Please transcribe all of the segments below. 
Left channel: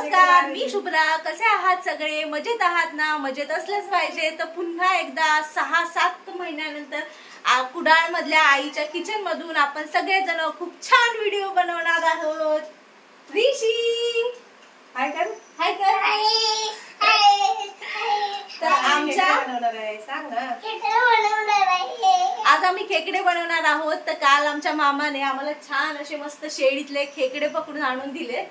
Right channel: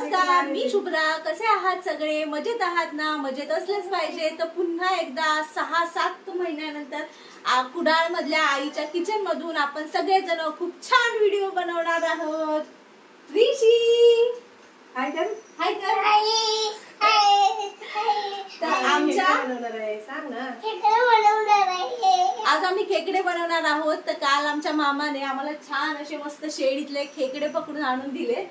नमस्कार, मी शुभ्रा. कसे आहात सगळे? मजेत आहात ना? मजेत असलेच पाहिजे. तर पुन्हा एकदा 6-7 महिन्यानंतर कुडाळ मधल्या आईच्या किचन मधून आपण सगळेजण खूप छान व्हिडिओ बनवणार आहोत. ऋषी हाय कर, हाय कर. तर आमच्या आज आम्ही खेकडे बनवणार आहोत. तर काल आमच्या मामाने आम्हाला छान असे मस्त शेळीतले खेकडे पकडून आणून दिले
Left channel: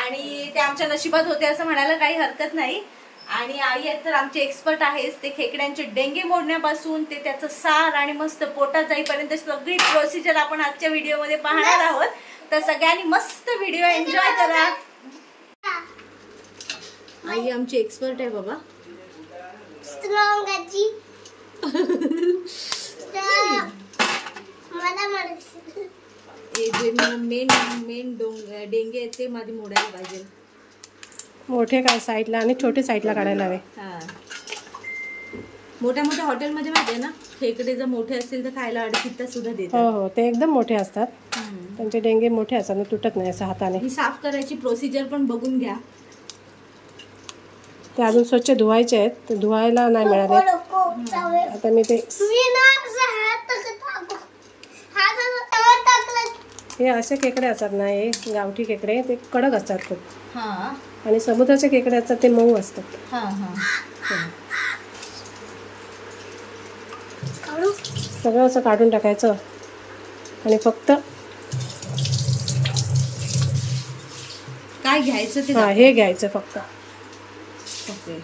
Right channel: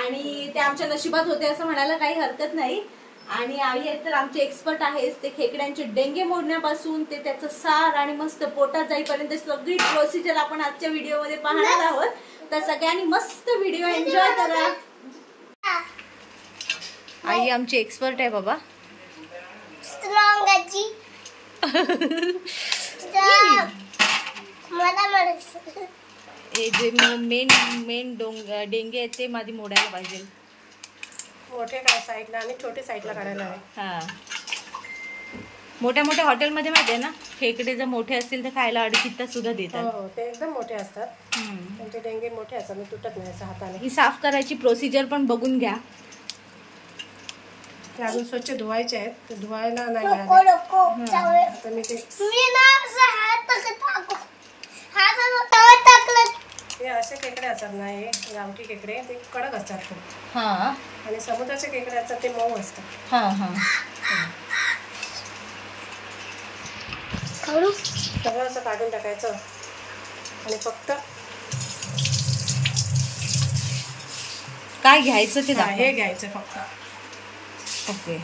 आणि ते आमच्या नशिबात होते असं म्हणायला काही हरकत नाही. आणि आई आहेत तर आमचे एक्सपर्ट आहेत. ते खेकड्यांचे डेंगे मोडण्यापासून ते त्याचं सार आणि मस्त पोटात जाईपर्यंत सगळी प्रोसिजर आपण आजच्या व्हिडिओ मध्ये पाहणार आहोत. तर सगळ्यांनी मस्त व्हिडिओ एन्जॉय करा. आई आमची एक्सपर्ट आहे बाबा. मेन डेंगे आहेत ते माझी मोडायला पाहिजे. मोठे काय साईडला आणि छोटे साईडला काढायला हवे. हा, मोठ्या मोठ्या हॉटेलमध्ये माहिती आहे ना, खेकडे जर मोठे असतील तर खायला अडकित सुद्धा देतात. हो, ते एकदम मोठे असतात. त्यांचे डेंगे मोठे असतात, तुटत नाही असं हाताने. ही साफ करायची प्रोसिजर पण बघून घ्या. ते अजून स्वच्छ धुवायचे आहेत, ते धुवायला नाही मिळाले. आता मी ते हे असे खेकडे असतात ना, हे गावठी खेकडे ते कडक असतात खूप. हा, आणि समुद्राचे खेकडे असतात ते मऊ असतात. हा हा, सगळं असं काढून टाकायचं आणि फक्त काय घ्यायचं ते हे घ्यायचं फक्त. ओके,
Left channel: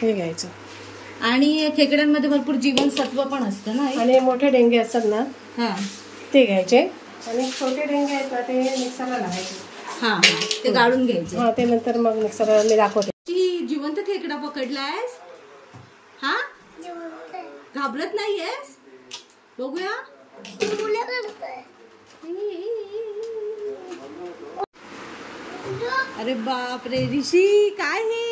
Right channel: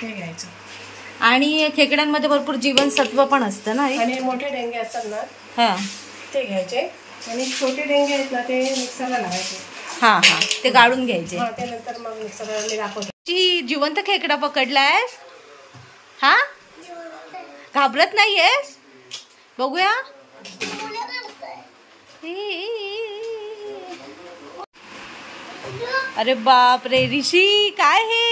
हे घ्यायचं. आणि खेकड्यांमध्ये भरपूर जीवनसत्व पण असतं ना. आणि मोठे डेंगे असतात ना, हा, ते घ्यायचे. आणि छोटे डेंगे आहेत ना, ते मिक्सरला लावायचे. हा हा, ते गाळून घ्यायचे. हा, ते नंतर मग मिक्सरला मी दाखवते. जिवंत खेकडा पकडलायस? हा, घाबरत नाहीयेस? बघूया. अरे बाप रे ऋषी, काय हे?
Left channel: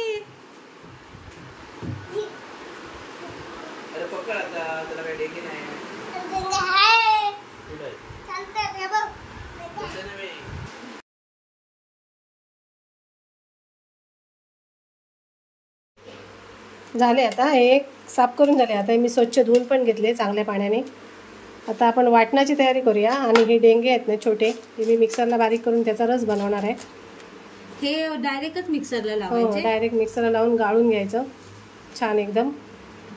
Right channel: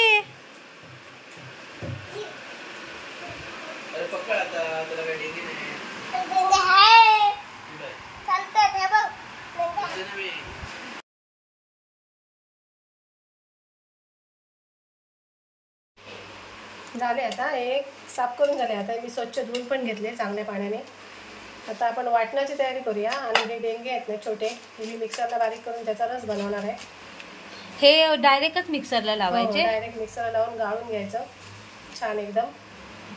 झाले. आता हे साफ करून झाले. आता मी स्वच्छ धुवून पण घेतले चांगल्या पाण्याने. आता आपण वाटणाची तयारी करूया. आणि हे डेंगे आहेत ना छोटे, ते मी मिक्सरला बारीक करून त्याचा रस बनवणार आहे. हे डायरेक्टच मिक्सरला लावायचे? डायरेक्ट मिक्सरला लावून गाळून घ्यायचं छान एकदम.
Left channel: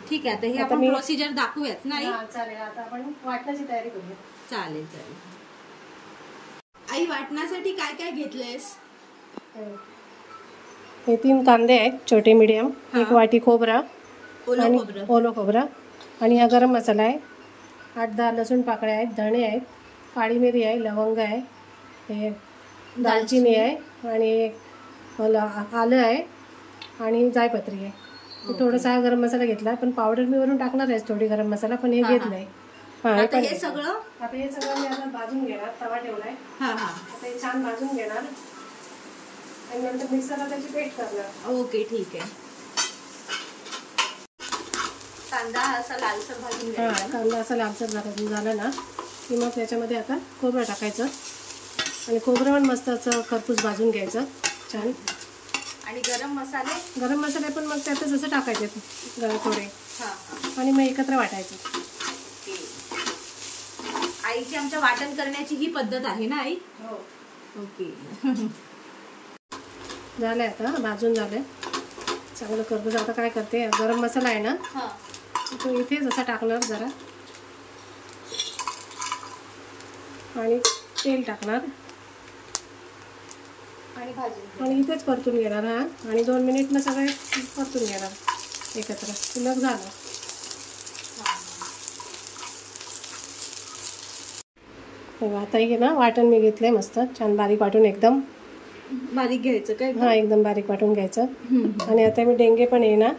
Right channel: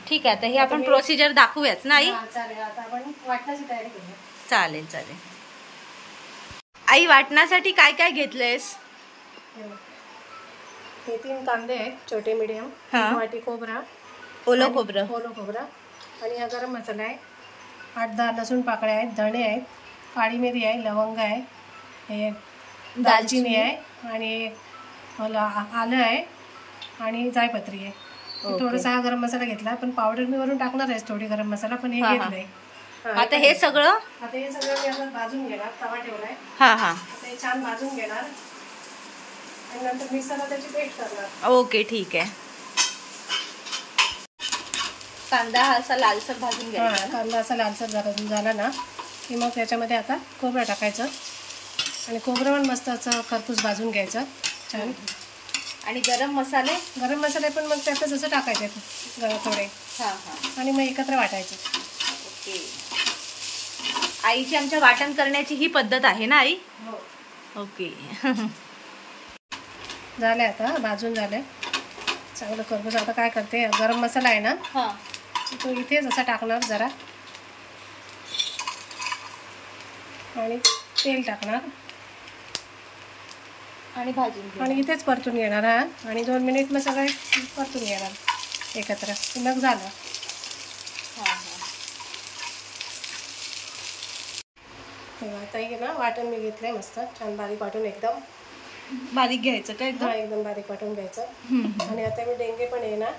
ठीक आहे, आता हे आपण प्रोसिजर दाखवूयाच ना आई? चालेल. आता आपण वाटणाची तयारी करूया. चालेल चालेल. आई, वाटण्यासाठी काय काय घेतलंयस? हे 3 कांदे आहेत छोटे मीडियम. 1 वाटी खोबरं, ओलं खोबरं. आणि हा गरम मसाला आहे. 8-10 लसूण पाकळ्या आहेत, धणे आहेत, काळी मिरी आहे, लवंग आहे, हे दालचिनी आहे, आणि आलं आहे, आणि जायपत्री आहे. थोडासा हा गरम मसाला घेतला, पण पावडर मी वरून टाकणार आहे थोडी गरम मसाला, पण हे घेतलंय. आता हे सगळं मी आता भाजून घेणार. तवा ठेवलाय. हा हा, ते छान भाजून घेणार आणि नंतर मिक्सरला त्याची पेस्ट करणार. ओके, ठीक आहे. कांदा असा लालसर भाजून घ्यायचा. कांदा असा लालसर झाला ना की मग त्याच्यामध्ये आता खोबरं टाकायचं. आणि खोबरं पण मस्त असं खरपूस भाजून घ्यायचं छान. आणि गरम मसाले पण मग त्यातच असं टाकायचे थोडे. आणि मग एकत्र वाटायचं. आईची आमच्या वाटण करण्याची ही पद्धत आहे ना आई? ओके. झालंय, आता भाजून झालंय चांगलं खरपूस. आता काय करते, गरम मसाला आहे ना तो इथेच असा टाकणार जरा, आणि तेल टाकणार आणि इथेच परतून घेणार. हा, आणि 2 मिनिट मग सगळे परतून घेणार एकत्र. मग झालं. आता हे ना वाटण मी घेतलंय मस्त छान बारीक वाटून. एकदम बारीक घ्यायचं का? एकदम बारीक वाटून घ्यायचं. आणि आता मी डेंगे पण आहे ना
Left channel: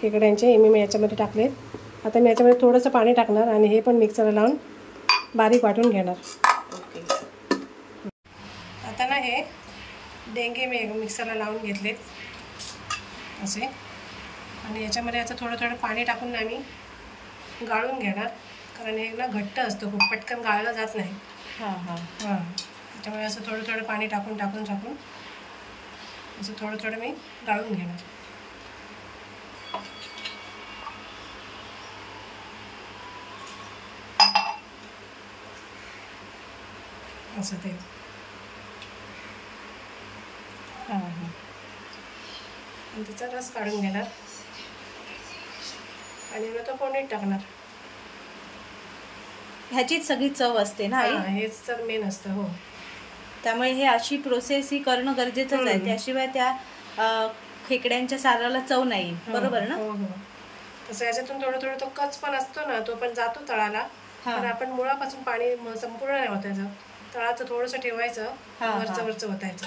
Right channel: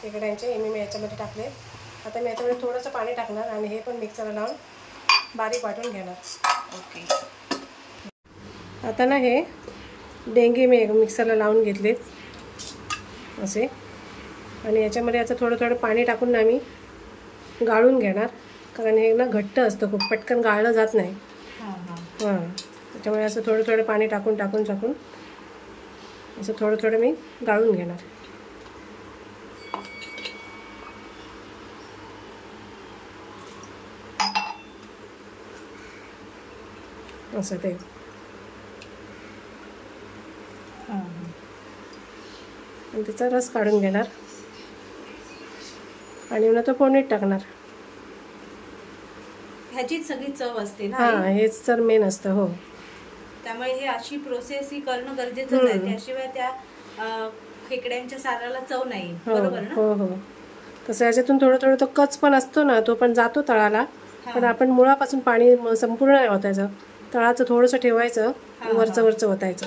खेकड्यांचे, मी याच्यामध्ये टाकलेत. आता मी याच्यामध्ये थोडंसं पाणी टाकणार आणि हे पण मिक्सरला लावून बारीक वाटून घेणार. ओके. आता ना हे डेंगे मी मिक्सरला लावून घेतलेत असे. आणि याच्यामध्ये आता थोडं पाणी टाकून ना मी गाळून घेणार, कारण हे ना घट्ट असतं खूप, पटकन गाळलं जात नाही. त्याच्यामुळे असं थोडं पाणी टाकून असं थोडं थोडं मी गाळून घेणार. असं ते आणि त्याचा रस काढून घेणार आणि मग तो फोडणीत टाकणार. ह्याचीच सगळी चव असते ना. हेच तर मेन असतं. हो, त्यामुळे हे अशी प्रोसेस ही करणं गरजेचंच आहे. त्याशिवाय त्या खेकड्यांच्या साराला चव नाही. बरोबर ना. हो हो. तसं याच्यातून थोडं थोडं तो कच पण असतो ना, तो पण जातो तळाला. पण आपण मुळापासून पाणी संपूर्ण नाही ओतायचं. तळाचं थोडंसं ठेवायचं, वरचं ओतायचं.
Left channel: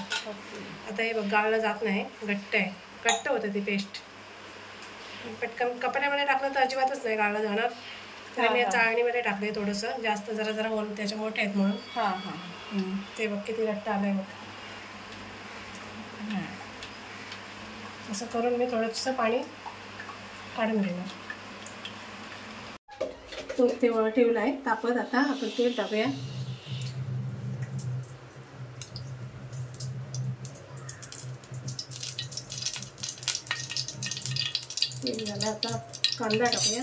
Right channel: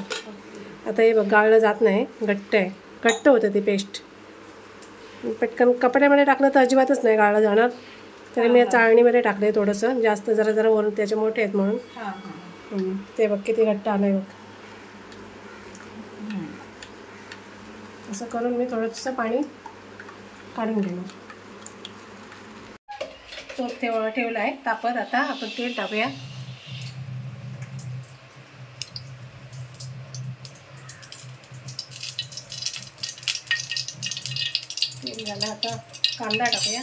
आता हे बघ, गाळलं जात नाही, घट्ट आहे. घट्ट होतं ती पेस्ट. पटकन कपड्यामध्ये टाकलं तर अजिबातच नाही गाळलं जाणार. तर मी या चाळणीमध्ये टाकलंय थोडंसं जास्त, जरा वरून त्याचे मोठे आहेत म्हणून. ते बघ किती घट्ट आलंय बघ. असं करून मी थोडंसं पाणी काढून घेणार. तो ठेवला आहे तापत. आता आपण तेल टाकूया. तेल झालं, आता कांदा टाकूया.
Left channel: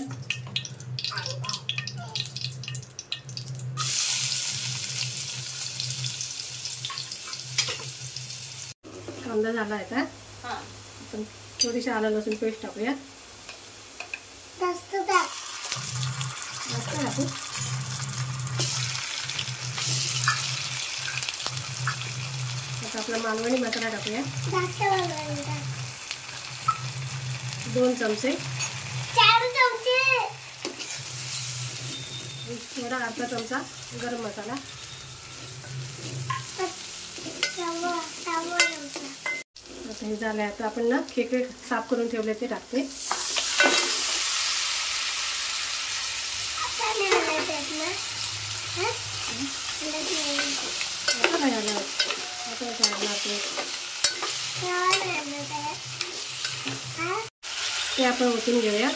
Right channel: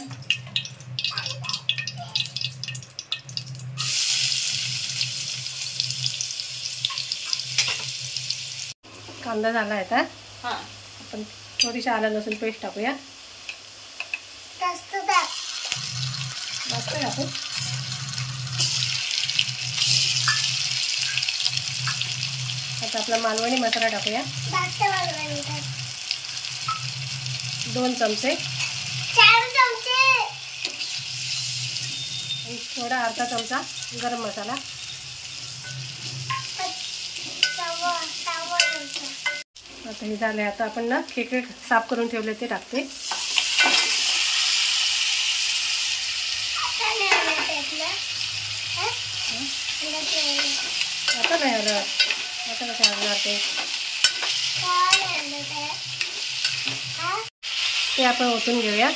कांदा झाला आहे. आता आपण थोडीशी आलं लसूण पेस्ट टाकूया. मस्त टाकू. आता आपला मालवणी मसाला टाकूया. 2 चमचे. थोडा अर्धा चमचा गरम मसाला. आता हे झाले. आता आपण ना खेकडे साफ करून ठेवले ते टाकते. आता नाही आलं. आता कसं आणणार ते आपण ओतून घेऊया.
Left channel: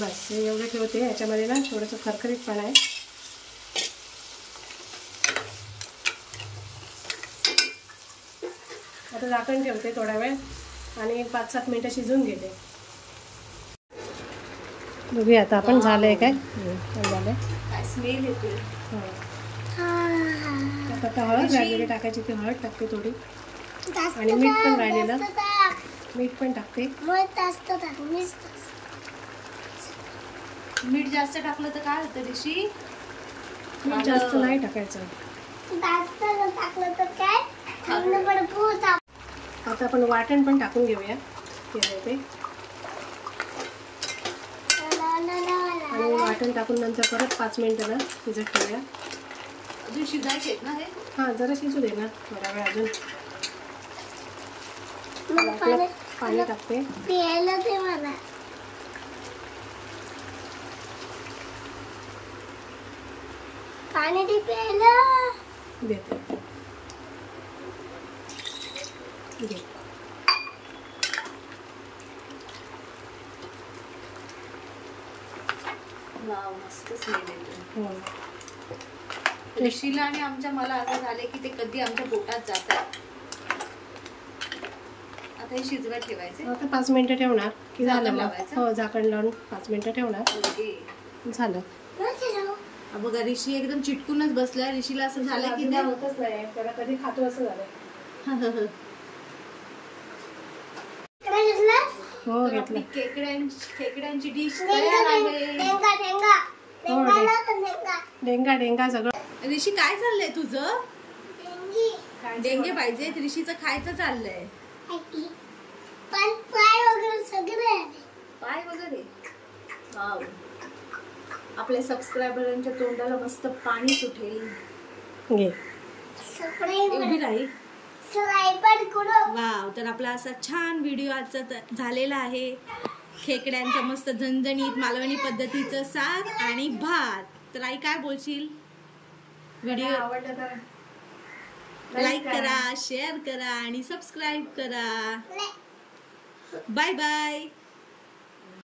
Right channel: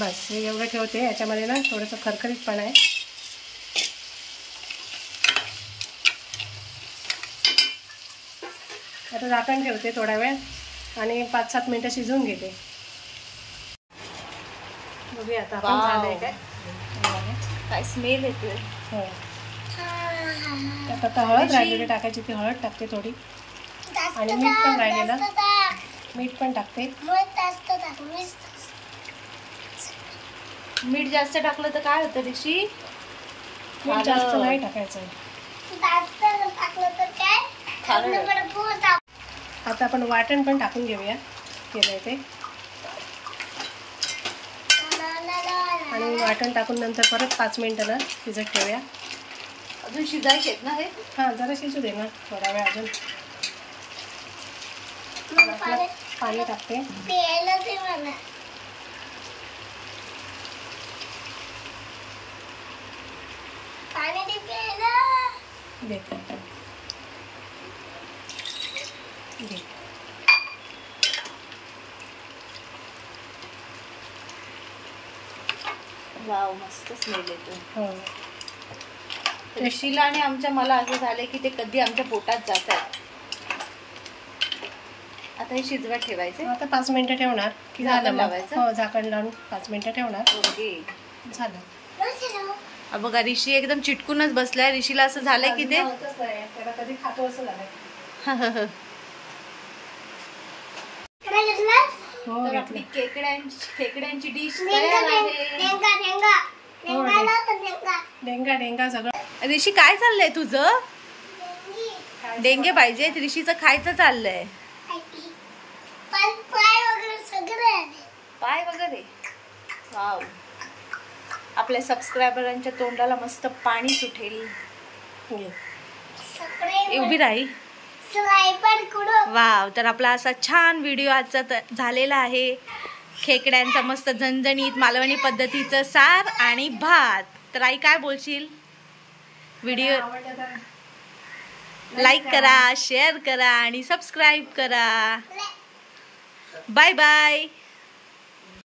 बस मी एवढं ठेवते. याच्यामध्ये ना थोडंसं खरखरीतपणा आहे. आता झाकण ठेवते थोडा वेळ आणि 5-7 मिनिटं शिजवून घेते. बघूया आता आपण झालंय काय. झालं. काय स्मेल येते. हो. त्यात आता हळद राहिलेली टाकायची, ती हळद टाकते थोडी. आणि मीठ पण राहिलेलं, मीठ पण टाकते. मीठ जास्त टाकलं तर काय होतं ऋषी? मीठ जास्त नाही टाकायचं. आता आपण वाटण पण टाकून घेऊया. केलंय ते. आणि वाटण टाकून नंतर परत 5 मिनिटं ना शिजत ठेवूया. अजून शिजायचे ना हे. जरा शिजू दे ना थोडा वेळ अजून. पाणी टाकते. पाणी दे प्यायला. देते. वाव, मस्त स्मेल येतो. हो. ऋषीला आणि आमच्या मला असं झालंय की ते कधी आमच्या पोटात जात आहे. आता हे शिजवत ठेवायचे. आता 5 मिनिटं ठेवणार की झालं मग. हो, झाकण लावून 5 मिनिटं ठेवणार. ओके, झालं. बघा ऋषी एकदम चिटकूनच बसलाय. ऋषीला असं झालंय की ते होतच नाही, त्याला कधी खातो असं झालंय. हो, घेतलं. खेकड्यांची डिश डेंगा डेंगा सगळं. ऋषी काय चाललंय तुझं? डेंगे पाहिजे. ऋषीचं खायचं चाललंय. पाय वगैरे. वाव, आपल्या सबस्क्रायबरांच्या तोंडाला मस्त पाणी सुटेल. उभी राही. वाव, तर आपला असा छान व्हिडिओ आजचा झालेला आहे. खेकड्यांचा मस्त झणझणीत मालवणी पद्धतीचं सार आणि भात. तर आई काय बोलशील? व्हिडिओ लाईक करा, शेअर करा आणि सबस्क्राईब करा. Bye bye.